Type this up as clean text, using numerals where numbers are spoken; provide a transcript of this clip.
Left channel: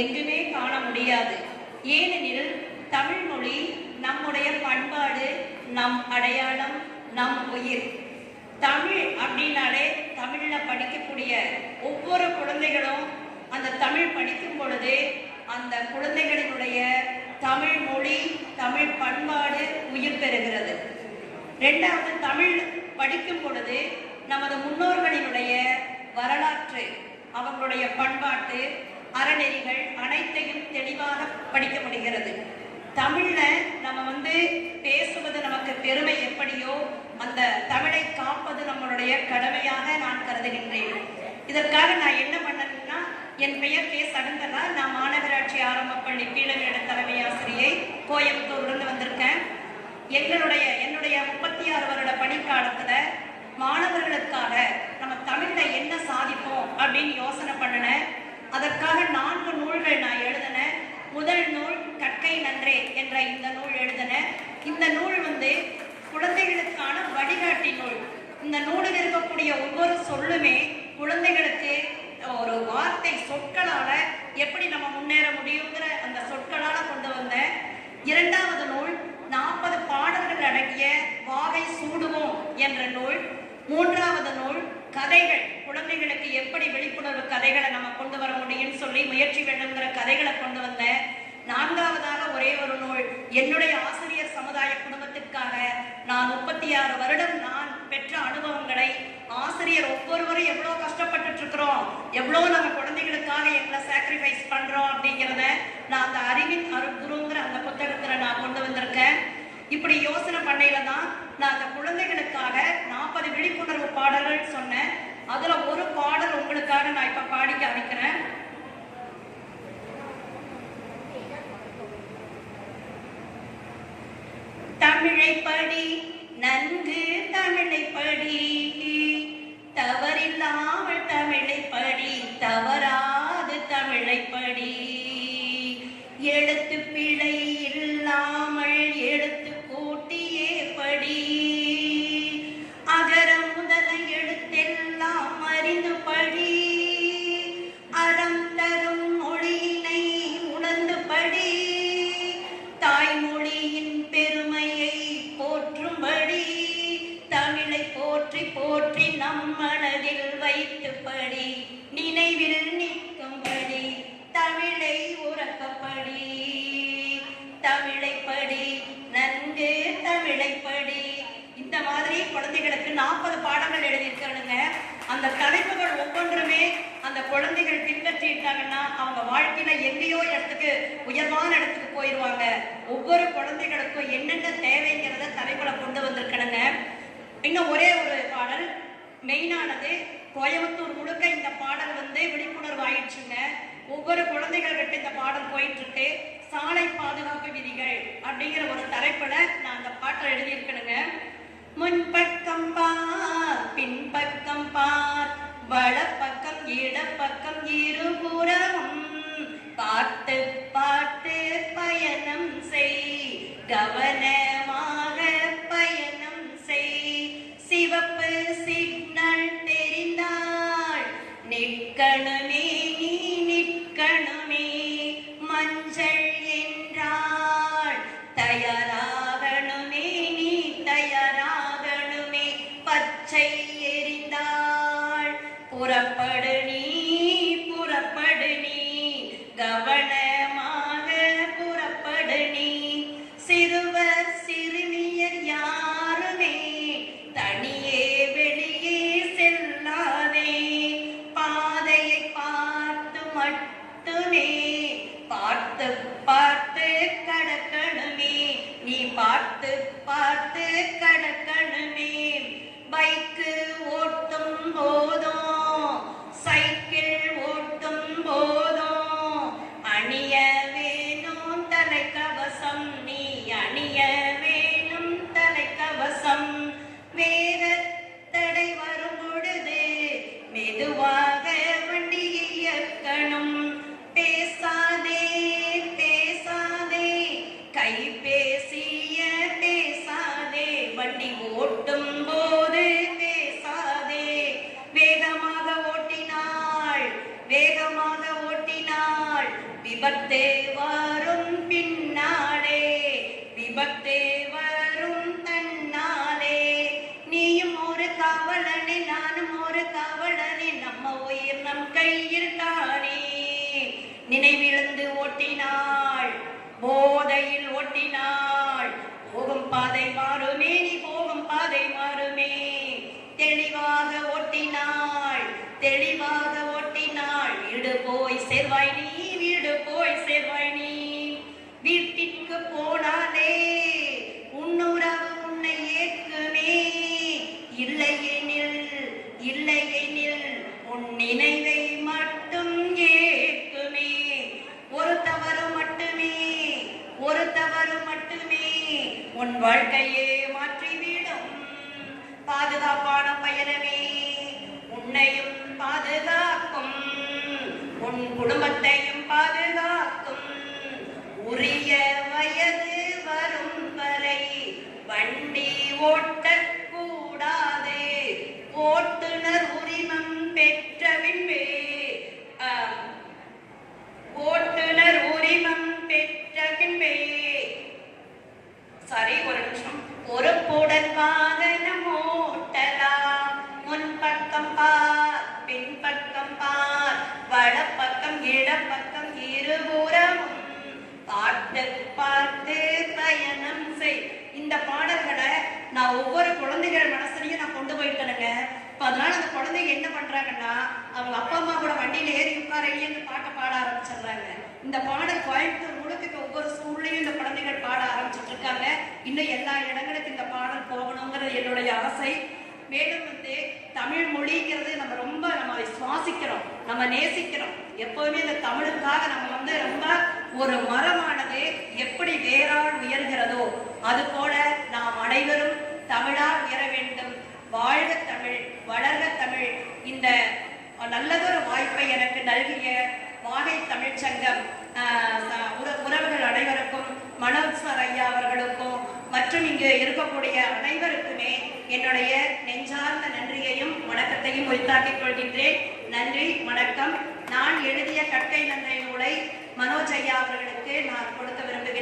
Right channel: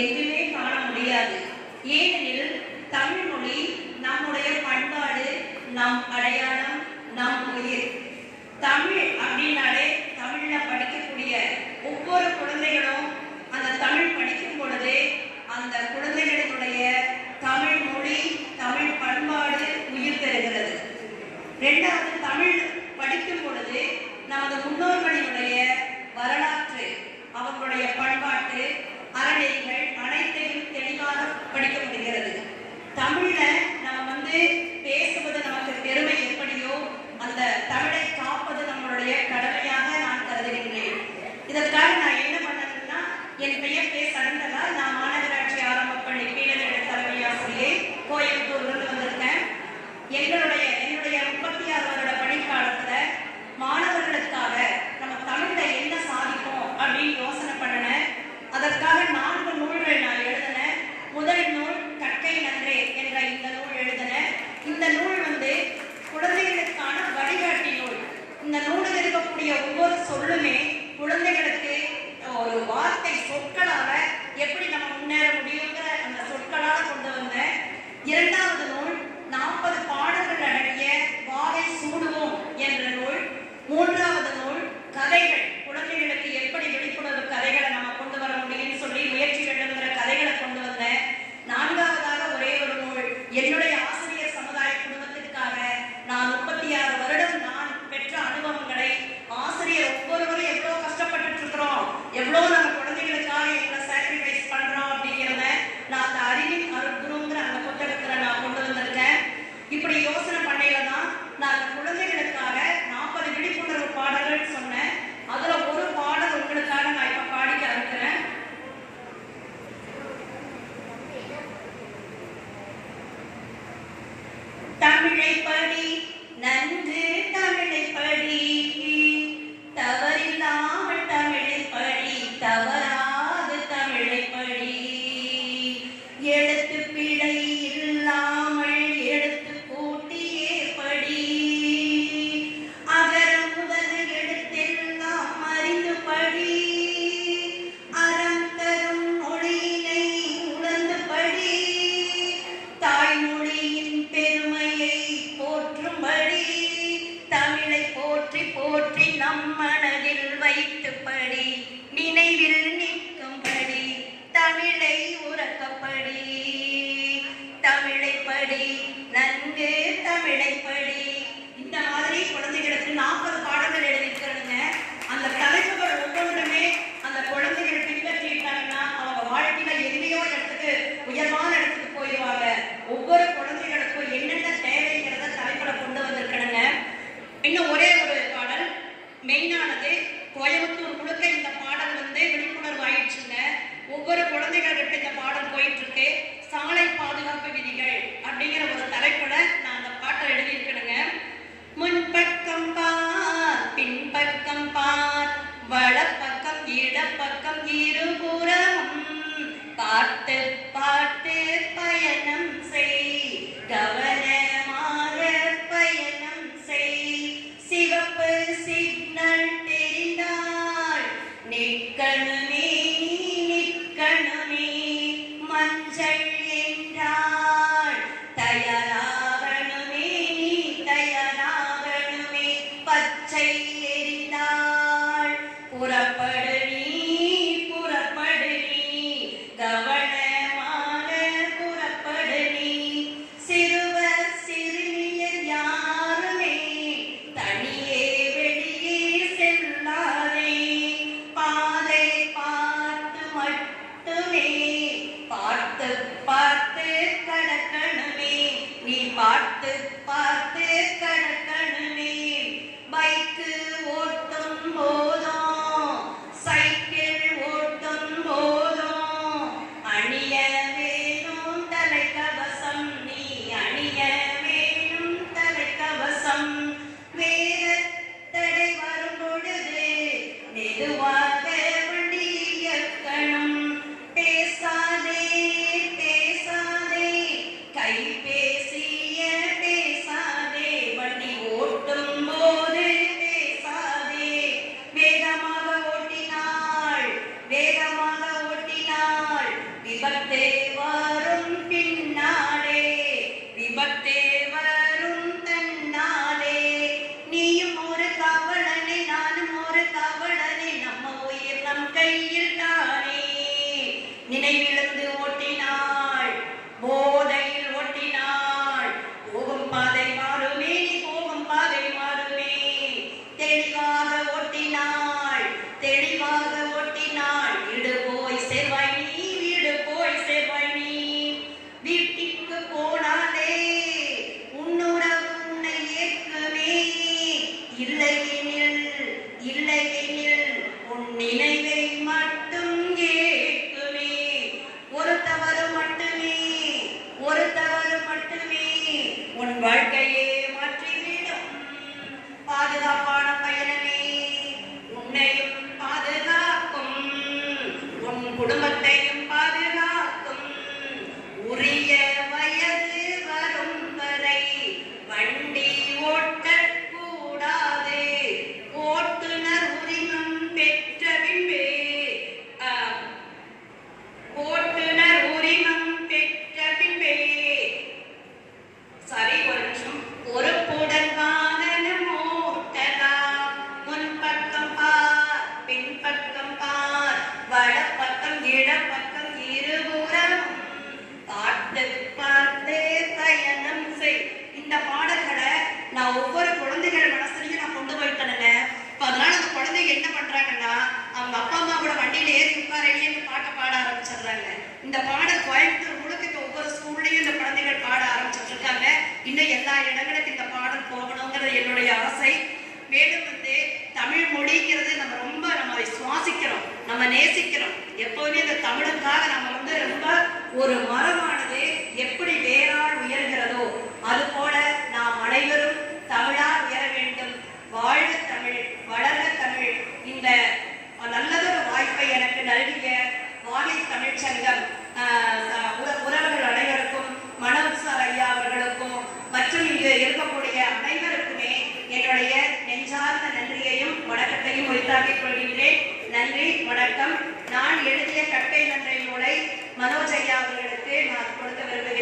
எங்குமே காண முடியாது. ஏனெனில் தமிழ் மொழி நம்முடைய பண்பாடு, நம் அடையாளம், நம் உயிர். தமிழ் அப்படின்னாலே தமிழ்ல படிக்கக்கூடிய ஒவ்வொரு குழந்தைகளும் அந்த தமிழ் படிக்கும் பொழுது அந்த குழந்தைகளினுடைய தமிழ் மொழி, தமிழ் பண்பாடு உயிர் பெறுகிறது. இரண்டாவது, தமிழ் படிக்கும் பொழுது நமது முன்னோர்களினுடைய வரலாற்று, அவர்களுடைய பண்பாட்டு அறநெறிகள் அனைத்தையும் தெளிவாக படிக்க முடிகிறது. தமிழ்ல நம்ம பேசுவது நமக்கு பெருமை எப்படியோ அந்த தமிழை காப்பது நம்மளுடைய கடமையாக நான் கருதுகின்றேன். இதற்காக நான் என்ன பண்ணணும்னா, என் பெயர் கே. சரண்டலா. நான் மாநகராட்சி ஆரம்ப பள்ளி கீழநிலை தலைமை ஆசிரியை, கோயம்புத்தூர்ல வந்திருக்கேன். என்னுடைய 36 வருட பணிக்காலத்துல மாணவர்களுக்காக நம்ம தமிழ்ல என்ன சாதிப்போம் அப்படின்னு யோசனை பண்ணினேன். அதற்காக 4 நூல்கள் நான் எழுதினேன். முதல் நூல் கற்கை நன்றே என்ற இந்த நூல் எழுதினேன். இந்த நூல் குழந்தைகளுக்கான வழிகாட்டி நூல். இந்த நூலில் இருக்கக்கூடிய ஒவ்வொரு சொல்லுமே குழந்தைகளுக்கு ஒரு வார்த்தை சொற்களால எப்படி நம்ம முன்னேற முடியுங்கிற அந்த சொற்களால கொண்டு வந்தேன். இரண்டாவது நூல் 40 பாடல்கள் அடங்கிய வாகை சூடுவோம் என்ற நூல். மூன்றாவது நூல் கதைகள், குழந்தைகளுக்கு எப்படி விழிப்புணர்வு கதைகளை நம்ம கொண்டு வர முடியும்னு சொல்லி முயற்சி எழுதுகிற கதைகளை கொண்டு வந்தேன். நான்காவதாக ஒரே ஒரு நூல், என்னுடைய ஆசிரியர் சமுதாய குடும்பத்திற்காக நான் 36 வருடம் நான் பெற்ற அனுபவங்களை, ஆசிரியர் ஒவ்வொருவரும் எவ்வளவு கஷ்டப்பட்டு இருக்கிறோம், எவ்வளவு நம்ம குழந்தைகளுக்காக எங்களை சாக்ரிஃபைஸ் பண்றோம் அப்படிங்கிறத நான் அந்த அறிவின் அருட்குருங்கிற அந்த புத்தகத்துல நான் கொண்டு வந்திருக்கேன். இப்படி யோசனை பண்ணையில தான் நான் அந்த குழந்தைகளுக்காக 40 விழிப்புணர்வு பாடல்கள் சொன்னேன். அதுல ஒரு பாடல் உங்களுக்காக நான் இப்ப பாடி காமிக்கிறேன். தமிழை படி நன்கு, தமிழை படி தவறில்லாமல், தமிழை படி தவறாது, தமிழை படி எழுத்து பிழை இல்லாமல், எழுத்து கூட்டியே படி அகரம் முதல் எழுத்தெல்லாம் அறிந்து படி அறம் தரும் மொழியினை உணர்ந்து படி தாய்மொழியின் பெருமையை போற்றும்படி தமிழை போற்றி போற்றி நம் மனதில் வைத்து படி நினைவில் நிற்கும்படி தமிழை உறக்கப்படி தமிழை படி நன்கு, தமிழை படி. இந்த மாதிரி குழந்தைகளுக்கு 40 பாடங்கள் எழுதியிருக்காங்க. அந்த தலைப்புகள் ஒவ்வொன்றுமே அந்த குழந்தைகள் பின்பற்றிட்டாங்கன்னா அவங்க வாழ்க்கையில எங்கேயோ இடத்துக்கு, உயர்வான இடத்துக்கு போயிடுவாங்க. ஒவ்வொரு குழந்தைகளுக்கும் என்னென்ன தேவைங்கிறத தலைப்புல கொண்டு வந்திருக்கணுங்க. இன்னும் ஒரே ஒரு பாடல் மெயினானது, கோயம்புத்தூர் முழுக்க இந்த பாடல் விழிப்புணர்வு ஆயிடுச்சுங்க. ஒவ்வொரு குழந்தைகள்கிட்ட இந்த பாடல் போயிட்டு இருக்கு. சாலை பாதுகாப்பு விதிகள் அப்படிங்கிற ஒரு தலைப்புல நான் அந்த பாட்டை எழுதியிருக்கணுங்க. முன்பக்கம் பார், பின்பக்கம் பார், வலப்பக்கம் இடப்பக்கம் இருபுறமும் பார்த்து பார்த்து பயணம் செய், கவனமாக பயணம் செய். சிவப்பு சிக்னல் தெரிந்தால் நிற்கணுமே, நிற்கணுமே. மஞ்சள் என்றால் தயாராகணுமே, தயாராகணுமே. பச்சை எரிந்தால் புறப்படு நீ, வேகமாக ஓட்டினாள். விபத்தே வரும் பின்னாலே, விபத்தே வரும் தன்னாலே. நீயும் ஒரு காவலனே, நானும் ஒரு காவலனே, நம்ம உயிர் நம் கையில் தானே. நினைவிழந்து ஓட்டினாள், போதையில் ஓட்டினாள். போகும் பாதை மாறுமே, போகும் பாதை மாறுமே. தெளிவாக ஓட்டினாள், தெளிவாக ஓட்டினாள். வீடு போய் சேர்வாய் நீ, வீடு போய் சேர்வாய் நீ. வீட்டிற்கு போனாலே உன்னுறவு உன்னை ஏற்குமே. இல்லையெனில், இல்லையெனில் உன் நினைவை மட்டும் ஏற்குமே. ஒரு தவறு மட்டுமே, ஒரு தவறு மட்டுமே உன் வாழ்க்கையே மாற்றிவிடும். பாதுகாப்பான பயணமே உன்னையும் பாதுகாக்கும், உன் குடும்பத்தையும் பாதுகாக்கும். உரிய வயது வரும் வரை வண்டி ஓட்டக்கூடாது. ஓட்டுநர் உரிமம் பெற்ற பின்பே, ஓட்டுநர் உரிமம் பெற்ற பின்பே, சாரி ஒரு நிமிஷம், பொறுப்புடன் வாகனம் ஓட்டலாம். முன்பக்கம் பார், பின்பக்கம் பார், வடப்பக்கம் இடப்பக்கம் இருபுறம் பார்த்து பார்த்து பயணம் செய். இந்த பாடல்களை நான் ஒவ்வொரு குழந்தைகள் மனசுலையும் நான் கொண்டு போயிட்டேனுங்க. அதனால அந்த குழந்தைங்க என்ன பண்றாங்கன்னா, அவங்க அப்பா அம்மா கூட வண்டியில ஏறி உட்காரையிலேருந்து பாட்டை பாட ஆரம்பிச்சிடுறாங்க. இந்த பாடல் கோயம்புத்தூர் முழுக்க ஒவ்வொரு ஸ்கூல்லையும் இந்த குழந்தைகள் பாட ஆரம்பிச்சுட்டு இருக்காங்க. இன்னும் எல்லா இடங்களுக்கு இந்த பாடல் போகணுங்கிறது என்னுடைய ஆசை. மேலும் தமிழ் மொழிங்கிறது நம்ம அதை சுவாசிக்கிறோம், நம்ம நேசிக்கிறோம். எப்போதுமே இந்த தமிழுக்காக நம்ம ரொம்ப ஒரு மரமானது எப்படி வேறால் உயர்கிறதோ அது போல நாம் அனைவரும் தமிழால் உயர வேண்டும். வாழ்க தமிழ், வளர்க தமிழ். இந்த நல்லதொரு வாய்ப்பை எனக்கு நல்கிய வாகை தமிழ்ச்சங்கம் உறவுகள் அனைவருக்கும், மனோஜ் சார் ஐயா அவர்களுக்கும் மற்றும் இங்கு இருக்கக்கூடிய அனைவருக்குமே என்னுடைய நெஞ்சார்ந்த நன்றியையும் வணக்கத்தையும் உரித்தாக்கிக் கொள்கின்றேன். நன்றி, வணக்கம். நான் எழுதிய கற்கை நன்றி நூலை மனோஜ் ஐயா அவர்களுக்கு நான் கொடுக்க விரும்புகிறேன்.